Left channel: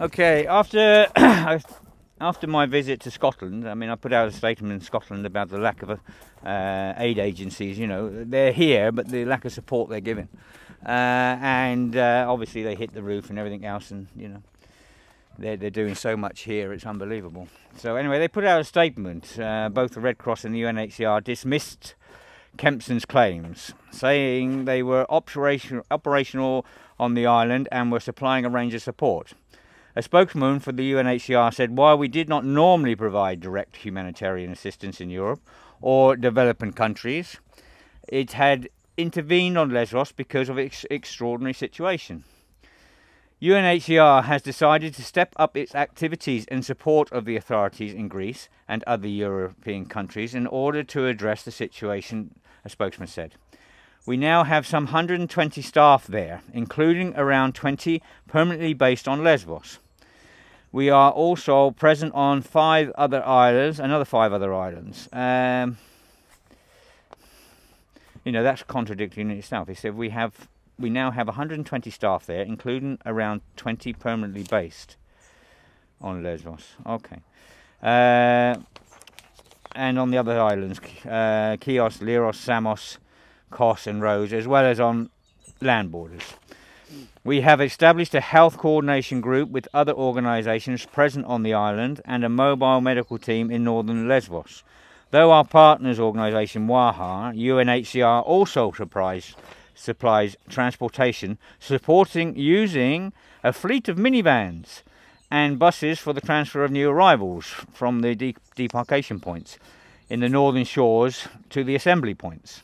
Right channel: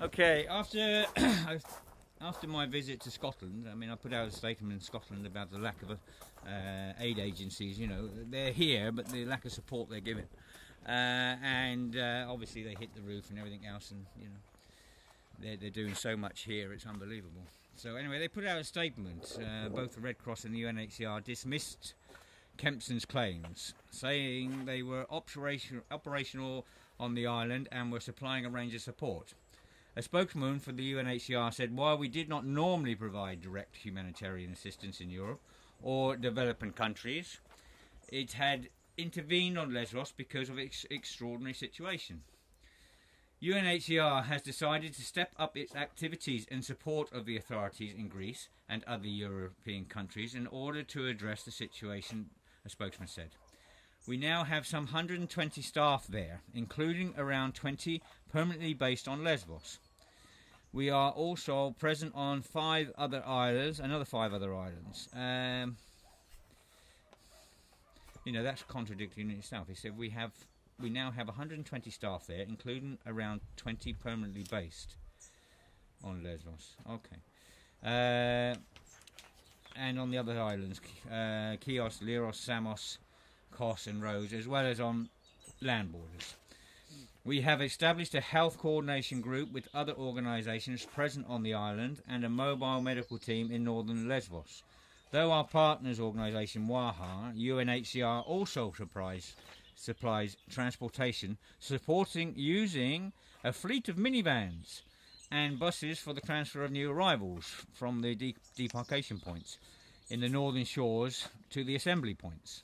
Okay, after after my visit to Scotland, I mean, I put out a statement in Scotland about the lack of aid agencies. You know, they're here, but the lack of support they're giving, and obviously they hit the roof and everything else, and you know, they're doing so much here, it's unbelievable. So anyway, they put out a statement. Both the Red Cross and the UNHCR dismissed Kempson's claims, saying they were operational on the island and were supplying a range of support. A spokesman for the UNHCR said, while we did not normally provide direct humanitarian assistance in Europe or developing countries, it had intervened on Lesbos because of its extraordinary situation. UNHCR has decided to step up its activities in support of the authorities in Greece and other European countries in order to address the situation, a spokesman said. We now have some 120 staff there, including around 20 permanently based on Lesbos. We are also present on another 5 other islands. You know, that's contradicting in itself. He said we now have 120 staff there, including around 20 permanently based on Lesbos. Okay. And on the other islands, Chios, Leros, Samos, Kos and Rhodes, as well as on land borders. We have established a health coordination group with other organisations present on the island and a mobile medical team in northern Lesbos. Though our partners organisation WAHA, UNHCR also supplies transportation, supporting using a fleet of minivans and buses for the transfer of new arrivals from the debarkation points in the northern shores to the assembly points.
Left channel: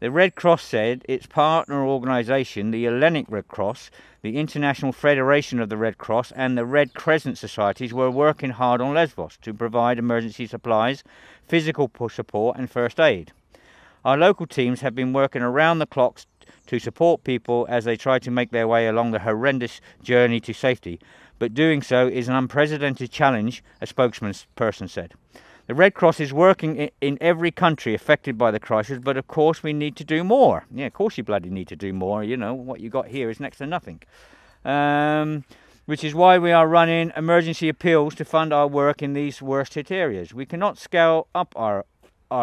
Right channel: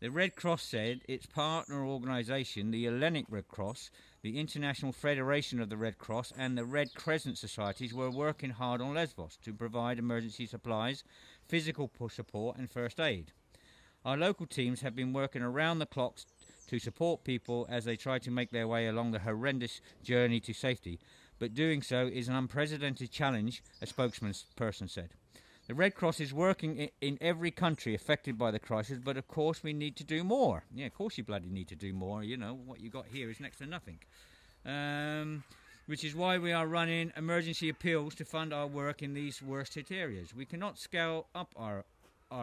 The Red Cross said its partner organisation, the Hellenic Red Cross, the International Federation of the Red Cross and the Red Crescent Societies were working hard on Lesbos to provide emergency supplies, physical support and first aid. Our local teams have been working around the clock to support people as they try to make their way along the horrendous journey to safety, but doing so is an unprecedented challenge, a spokesperson said. The Red Cross is working in every country affected by the crisis, but of course we need to do more. Yeah, of course you bloody need to do more. You know, what you got here is next to nothing. Which is why we are running emergency appeals to fund our work in these worst hit areas. We cannot scale up our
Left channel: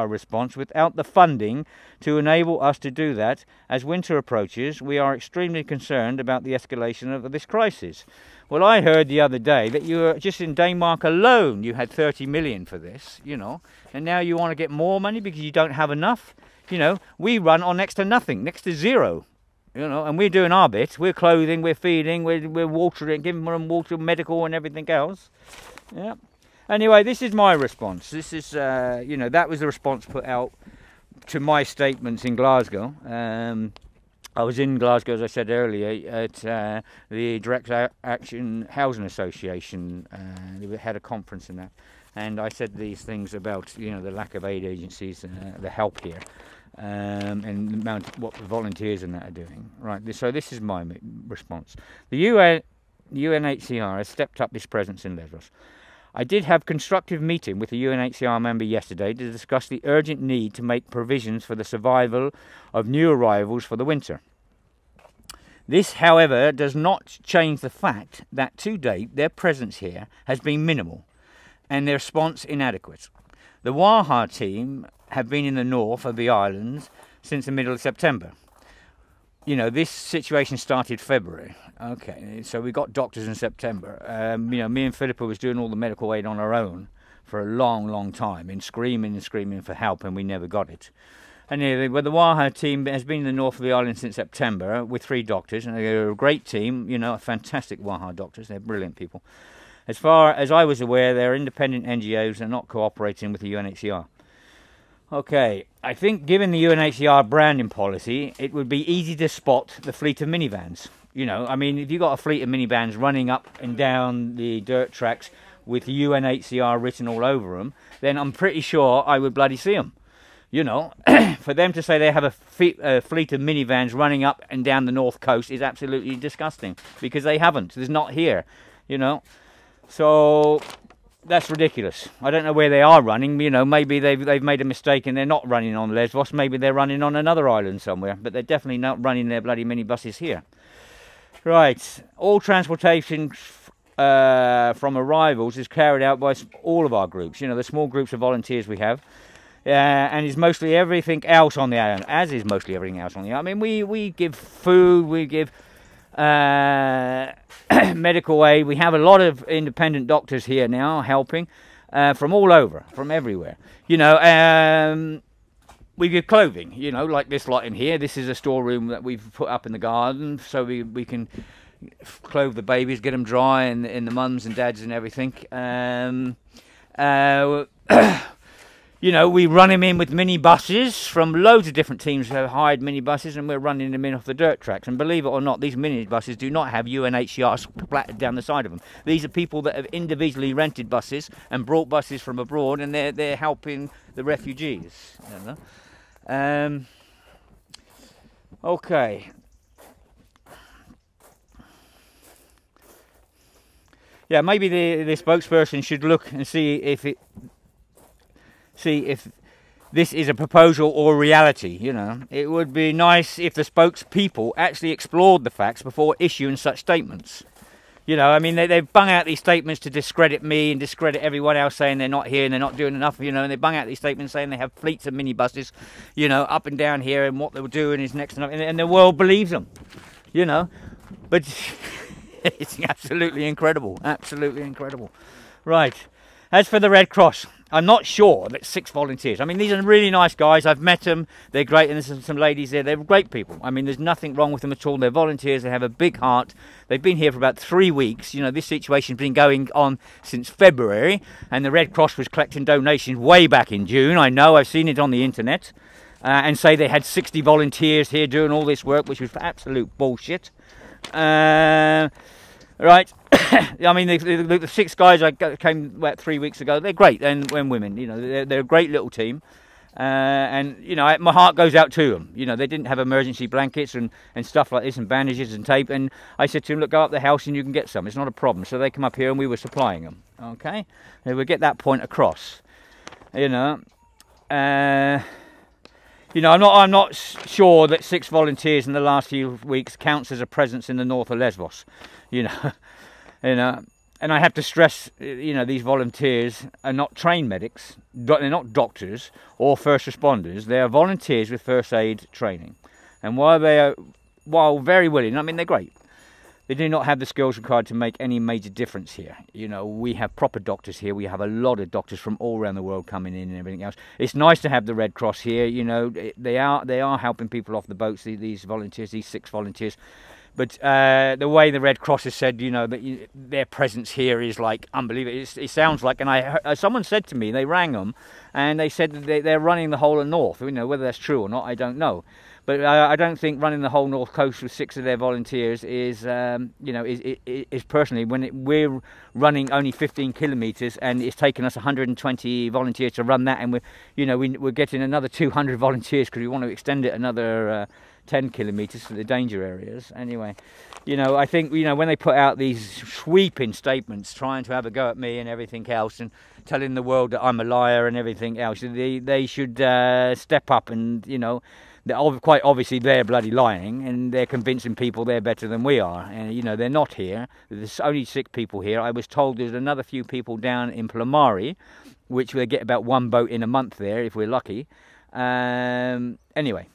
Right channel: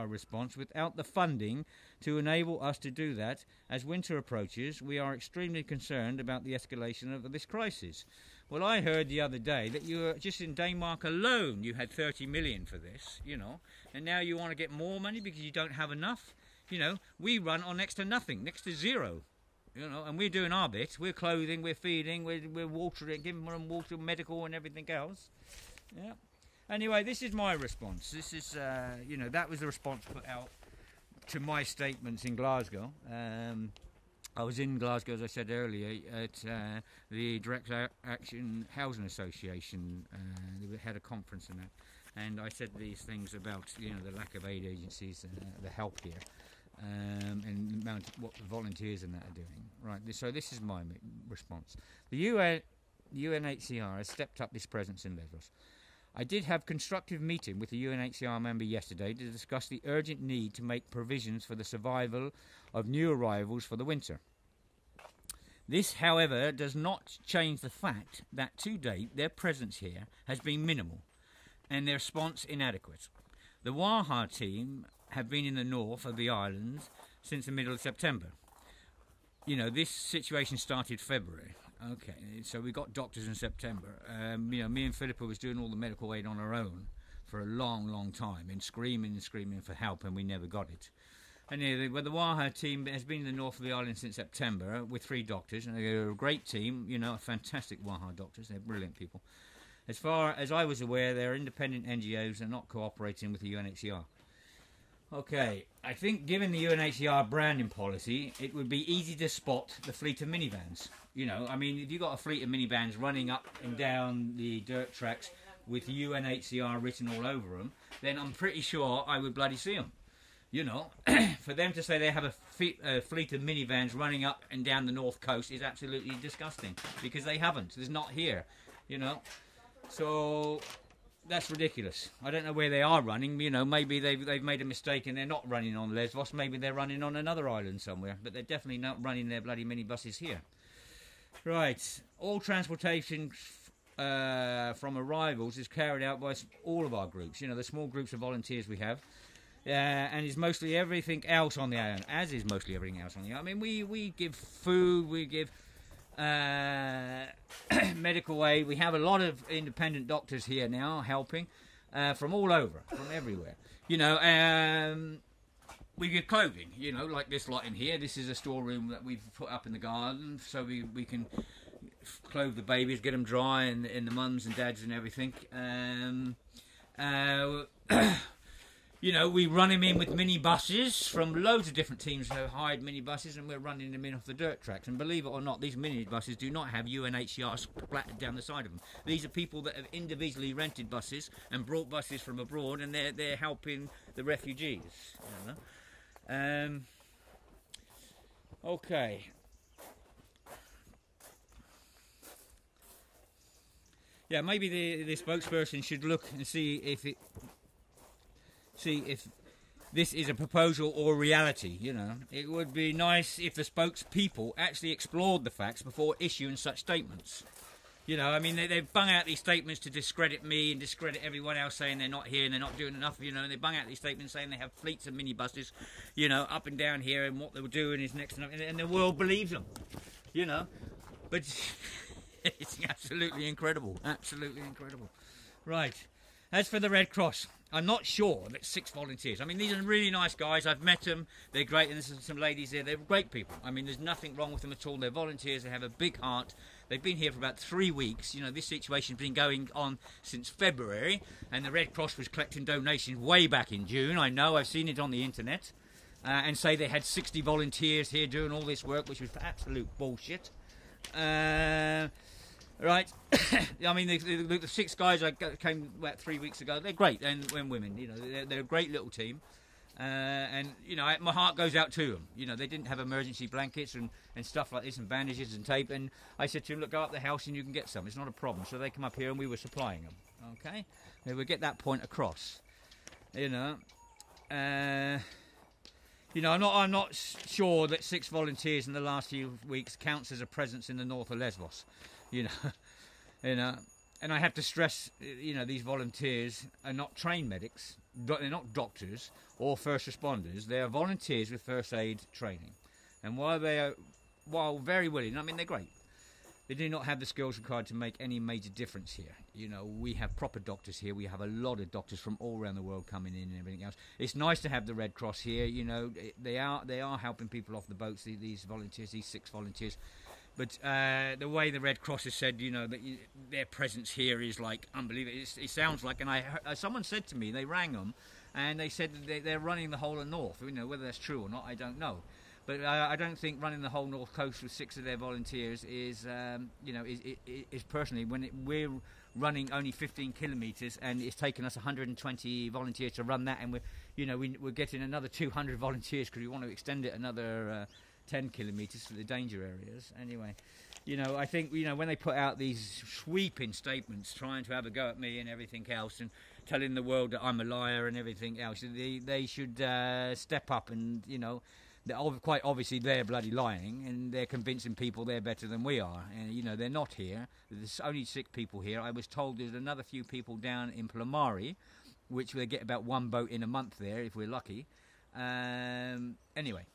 response without the funding to enable us to do that. As winter approaches, we are extremely concerned about the escalation of this crisis. Well, I heard the other day that you were just in Denmark alone, you had 30 million for this, you know, and now you want to get more money because you don't have enough. You know, we run on next to nothing, next to zero, you know, and we're doing our bit. We're clothing, we're feeding, we're watering, giving them water, medical and everything else. Yeah. Anyway, this is my response. This is, you know, that was the response put out to my statements in Glasgow. I was in Glasgow, as I said earlier, at the Direct Action Housing Association. They had a conference in that, and I said these things about, you know, the lack of aid agencies, the help here, and the amount of what the volunteers and that are doing. Right. So this is my response. The UNHCR has stepped up its presence in Lesbos. I did have a constructive meeting with a UNHCR member yesterday to discuss the urgent need to make provisions for the survival of new arrivals for the winter. This, however, does not change the fact that to date their presence here has been minimal and their response inadequate. The WAHA team have been in the north of the islands since the middle of September. You know, this situation started February. Okay, so we got doctors in September. You know, me and Philippa was doing all the medical aid on our own for a long, long time, and screaming for help, and we never got it. Anyway, well, the WAHA team has been in the north of the island since September with 3 doctors, and they're a great team, you know, fantastic WAHA doctors. They're brilliant people. As far as I was aware, they're independent NGOs and not cooperating with the UNHCR. Okay, I think given the UNHCR branding policy, it would be easy to spot the fleet of minivans. You know, I mean, if you've got a fleet of minivans running up and down the dirt tracks with UNHCR written all over them, then I'm pretty sure I would bloody see them. You know, for them to say they have a fleet of minivans running up and down the north coast is absolutely disgusting, because they haven't. There's not here, you know. So that's ridiculous. I don't know where they are running. You know, maybe they've made a mistake and they're not running on Lesbos. Maybe they're running on another island somewhere, but they're definitely not running their bloody minibuses here. Right, all transportation from arrivals is carried out by all of our groups. You know, the small groups of volunteers we have. And is mostly everything else on the island, as is mostly everything else on the island. I mean, we give food, we give medical aid. We have a lot of independent doctors here now helping from all over, from everywhere. You know, we give clothing, you know, like this lot in here. This is a storeroom that we've put up in the garden so we can clothe the babies, get them dry, and the mums and dads and everything. You know, we run him in with minibuses from loads of different teams who have hired minibuses, and we're running them in off the dirt tracks. And believe it or not, these minibuses do not have UNHCR splattered down the side of them. These are people that have individually rented buses and brought buses from abroad, and they're helping the refugees. You know? Okay. Yeah, maybe the spokesperson should look and see if this is a proposal or reality. You know, it would be nice if the spokespeople actually explored the facts before issuing such statements. You know, I mean, they've bung out these statements to discredit me and discredit everyone else, saying they're not here and they're not doing enough, you know, and they bung out these statements saying they have fleets of minibuses, you know, up and down here, and what they were doing is next to nothing, and the world believes them, you know. But it's absolutely incredible, absolutely incredible. Right, as for the Red Cross, I'm not sure that 6 volunteers. I mean, these are really nice guys. I've met them. They're great, and there's some ladies there. They're great people. I mean, there's nothing wrong with them at all. They're volunteers. They have a big heart. They've been here for about 3 weeks. You know, this situation's been going on since February, and the Red Cross was collecting donations way back in June. I know. I've seen it on the internet, and say they had 60 volunteers here doing all this work, which was absolute bullshit. Right, I mean, the 6 guys I came about 3 weeks ago, they're great, and women, you know, they're a great little team, and, you know, my heart goes out to them. You know, they didn't have emergency blankets and stuff like this, and bandages and tape, and I said to them, look, go up the house and you can get some, it's not a problem. So they come up here and we were supplying them, okay? And we get that point across, you know. You know, I'm not sure that 6 volunteers in the last few weeks counts as a presence in the north of Lesbos. You know, and I have to stress, you know, these volunteers are not trained medics, they're not doctors or first responders. They are volunteers with first aid training, and while very willing, I mean, they're great, they do not have the skills required to make any major difference here. You know, we have proper doctors here. We have a lot of doctors from all around the world coming in and everything else. It's nice to have the Red Cross here. You know, they are helping people off the boats. These volunteers, these 6 volunteers. But the way the Red Cross has said, you know, that their presence here is like unbelievable. It sounds like, and someone said to me, they rang them, and they said that they're running the whole of North. You know, whether that's true or not, I don't know. But I don't think running the whole North Coast with 6 of their volunteers is, you know, is personally, when we're running only 15 kilometres and it's taken us 120 volunteers to run that, and we're getting another 200 volunteers because we want to extend it another 10 kilometres for the danger areas. Anyway, you know, I think, you know, when they put out these sweeping statements trying to have a go at me and everything else, and telling the world that I'm a liar and everything else, they should step up, and, you know, quite obviously they're bloody lying, and they're convincing people they're better than we are, and, you know, they're not here. There's only 6 people here. I was told there's another few people down in Plamari, which we'll get about 1 boat in a month there if we're lucky. Anyway,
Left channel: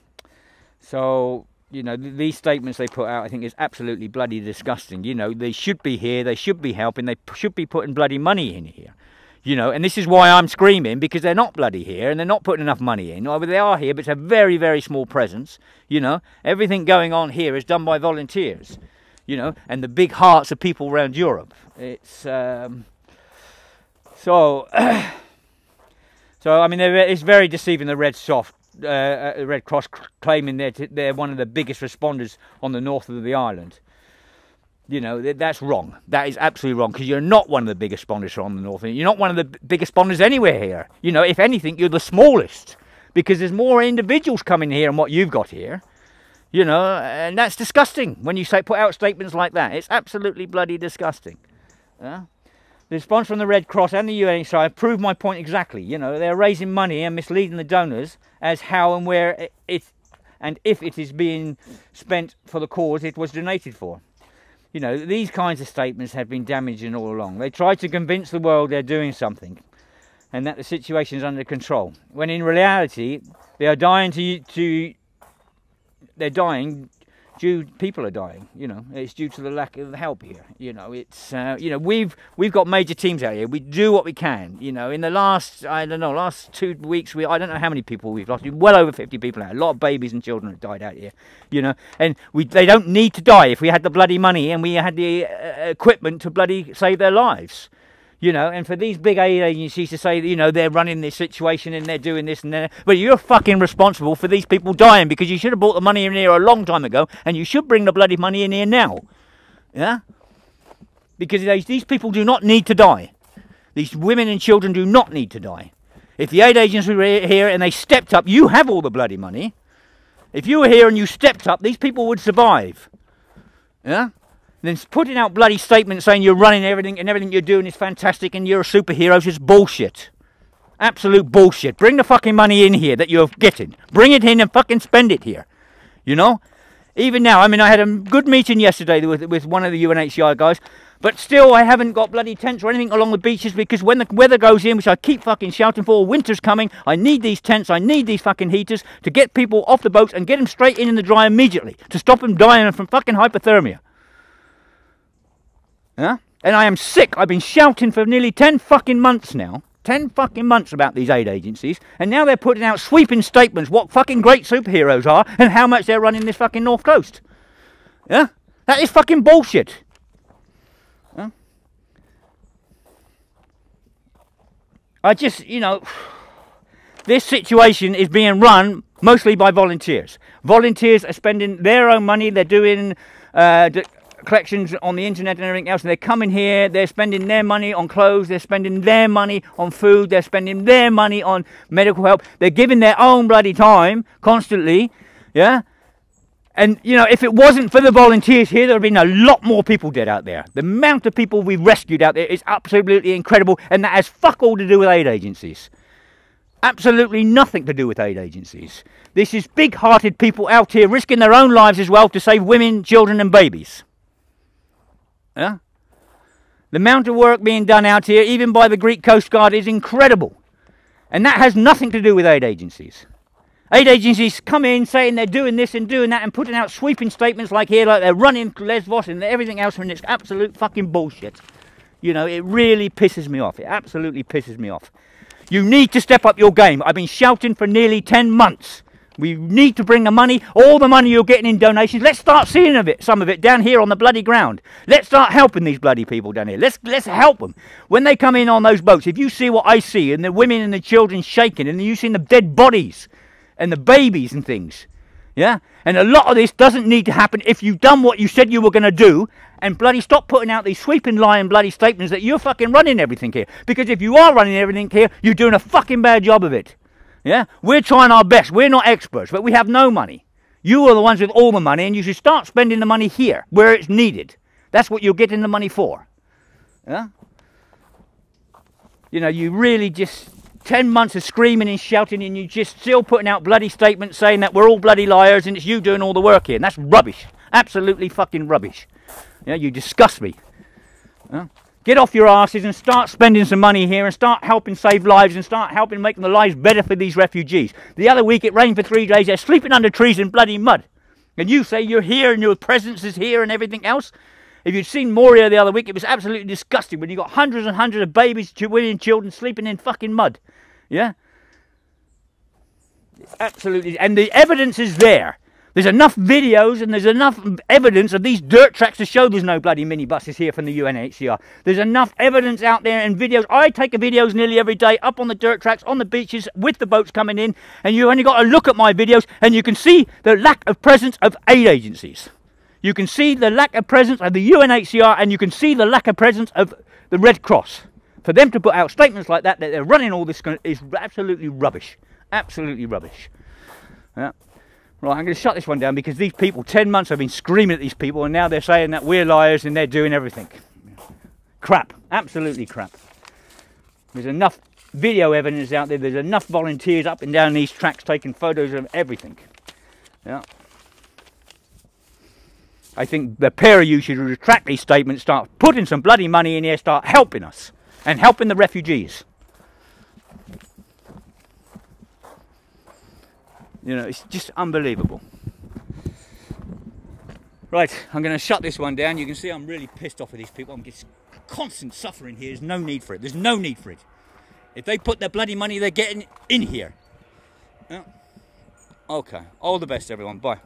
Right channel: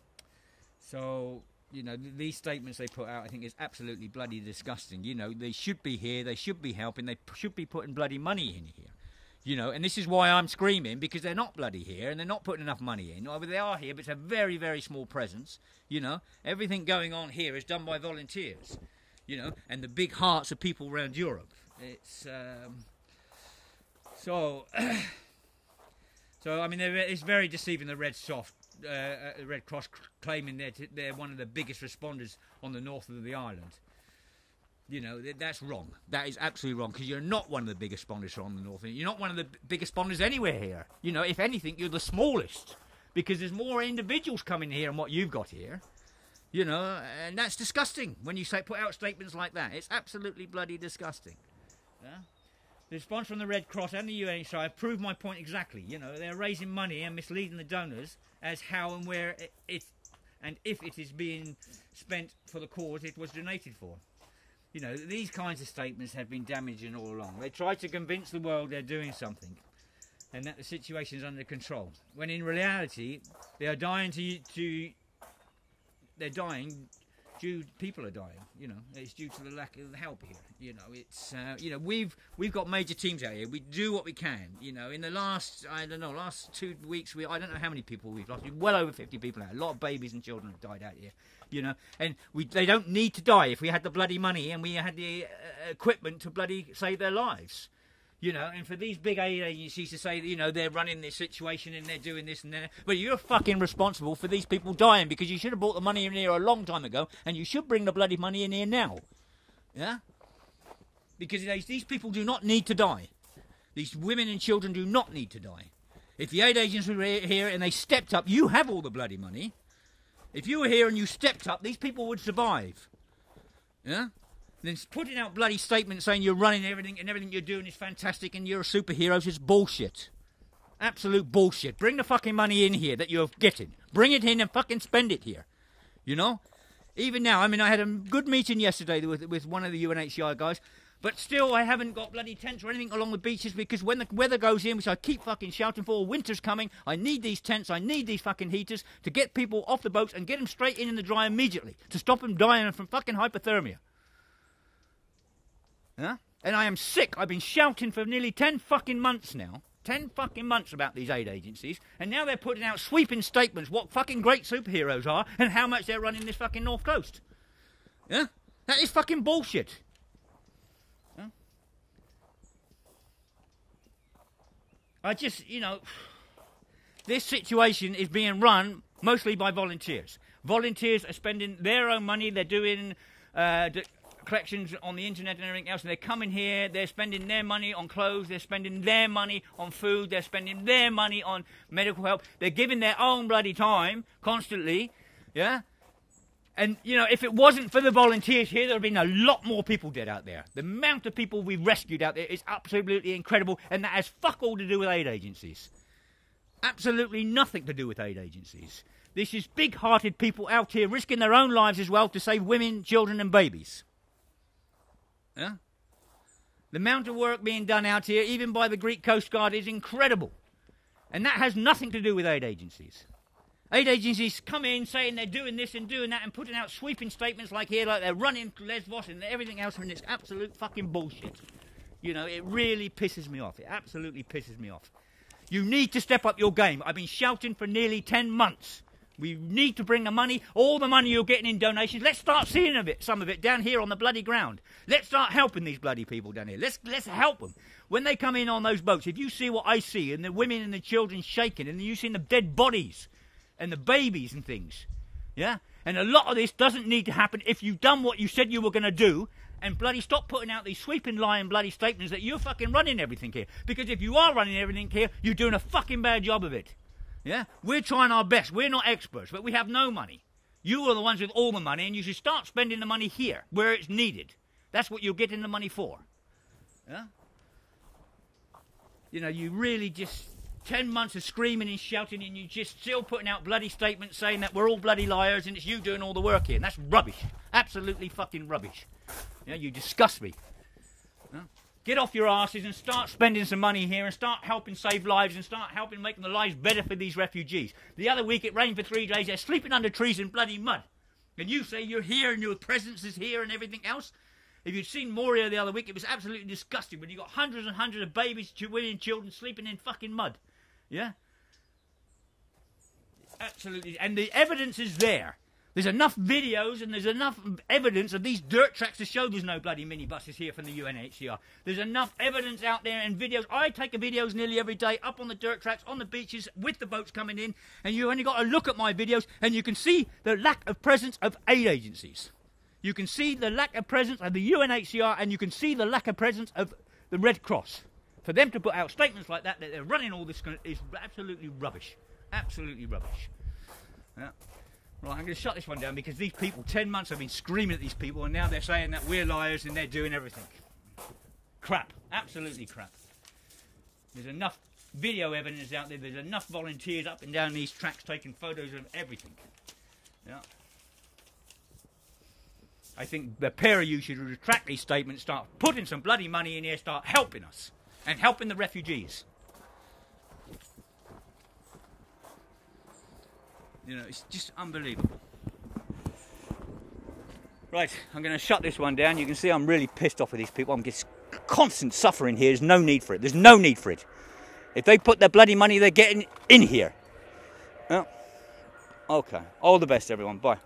so, you know, these statements they put out, I think, is absolutely bloody disgusting. You know, they should be here, they should be helping, they should be putting bloody money in here. You know, and this is why I'm screaming, because they're not bloody here, and they're not putting enough money in. They are here, but it's a very, very small presence. You know, everything going on here is done by volunteers, you know, and the big hearts of people around Europe. It's, so, I mean, it's very deceiving, the Red Cross claiming they're one of the biggest responders on the north of the island. You know, that's wrong. That is absolutely wrong, because you're not one of the biggest responders on the north. You're not one of the biggest responders anywhere here. You know, if anything, you're the smallest, because there's more individuals coming here than what you've got here. You know, and that's disgusting when you put out statements like that. It's absolutely bloody disgusting. Yeah? The response from the Red Cross and the UNHCR proved my point exactly. You know, they're raising money and misleading the donors as how and where and if it is being spent for the cause it was donated for. You know, these kinds of statements have been damaging all along. They try to convince the world they're doing something and that the situation is under control, when in reality they are dying people are dying. You know, it's due to the lack of help here. You know, it's you know, we've got major teams out here. We do what we can. You know, in the last, I don't know, last 2 weeks, I don't know how many people we've lost. Well over 50 people out. A lot of babies and children have died out here. You know, and they don't need to die if we had the bloody money and we had the equipment to bloody save their lives. You know, and for these big aid agencies to say, you know, they're running this situation and they're doing this and that, but you're fucking responsible for these people dying, because you should have brought the money in here a long time ago, and you should bring the bloody money in here now. Yeah? Because these people do not need to die. These women and children do not need to die. If the aid agencies were here and they stepped up, you have all the bloody money. If you were here and you stepped up, these people would survive. Yeah? Then putting out bloody statements saying you're running everything and everything you're doing is fantastic and you're a superhero is bullshit. Absolute bullshit. Bring the fucking money in here that you're getting. Bring it in and fucking spend it here. You know? Even now, I mean, I had a good meeting yesterday with one of the UNHCR guys, but still I haven't got bloody tents or anything along the beaches, because when the weather goes in, which I keep fucking shouting for, winter's coming, I need these tents, I need these fucking heaters to get people off the boats and get them straight in the dry immediately, to stop them dying from fucking hypothermia. Huh? And I am sick. I've been shouting for nearly 10 fucking months now. 10 fucking months about these aid agencies. And now they're putting out sweeping statements what fucking great superheroes are and how much they're running this fucking North Coast. Yeah? That is fucking bullshit. Huh? I just, you know, this situation is being run mostly by volunteers. Volunteers are spending their own money. They're doing collections on the internet and everything else, and they're coming here, they're spending their money on clothes, they're spending their money on food, they're spending their money on medical help, they're giving their own bloody time constantly, yeah? And, you know, if it wasn't for the volunteers here, there would have been a lot more people dead out there. The amount of people we've rescued out there is absolutely incredible, and that has fuck all to do with aid agencies. Absolutely nothing to do with aid agencies. This is big-hearted people out here risking their own lives as well to save women, children and babies. Yeah? The amount of work being done out here, even by the Greek Coast Guard, is incredible. And that has nothing to do with aid agencies. Aid agencies come in saying they're doing this and doing that and putting out sweeping statements like here, like they're running Lesbos and everything else, and it's absolute fucking bullshit. You know, it really pisses me off. It absolutely pisses me off. You need to step up your game. I've been shouting for nearly 10 months. We need to bring the money, all the money you're getting in donations. Let's start seeing some of it down here on the bloody ground. Let's start helping these bloody people down here. Let's help them. When they come in on those boats, if you see what I see, and the women and the children shaking, and you see the dead bodies, and the babies and things, yeah? And a lot of this doesn't need to happen if you've done what you said you were going to do, and bloody stop putting out these sweeping lying bloody statements that you're fucking running everything here. Because if you are running everything here, you're doing a fucking bad job of it. Yeah, we're trying our best. We're not experts, but we have no money. You are the ones with all the money, and you should start spending the money here, where it's needed. That's what you're getting the money for. Yeah? You know, you really just 10 months of screaming and shouting, and you just still putting out bloody statements saying that we're all bloody liars and it's you doing all the work here. And that's rubbish. Absolutely fucking rubbish. You know, you disgust me. Yeah? Get off your asses and start spending some money here and start helping save lives and start helping make the lives better for these refugees. The other week it rained for 3 days. They're sleeping under trees in bloody mud. And you say you're here and your presence is here and everything else? If you'd seen Moria the other week, it was absolutely disgusting when you got hundreds and hundreds of babies, women and children sleeping in fucking mud. Yeah? Absolutely. And the evidence is there. There's enough videos and there's enough evidence of these dirt tracks to show there's no bloody minibuses here from the UNHCR. There's enough evidence out there and videos. I take videos nearly every day up on the dirt tracks, on the beaches, with the boats coming in, and you only got to look at my videos and you can see the lack of presence of aid agencies. You can see the lack of presence of the UNHCR, and you can see the lack of presence of the Red Cross. For them to put out statements like that they're running all this is absolutely rubbish. Absolutely rubbish. Yeah. Right, I'm going to shut this one down because these people, 10 months I've been screaming at these people, and now they're saying that we're liars and they're doing everything. Crap. Absolutely crap. There's enough video evidence out there. There's enough volunteers up and down these tracks taking photos of everything. Yeah. I think the pair of you should retract these statements, start putting some bloody money in here, start helping us and helping the refugees. You know, it's just unbelievable. Right, I'm going to shut this one down. You can see I'm really pissed off with these people. I'm just constant suffering here. There's no need for it. There's no need for it. If they put their bloody money, they're getting in here. Oh. Okay, all the best, everyone. Bye.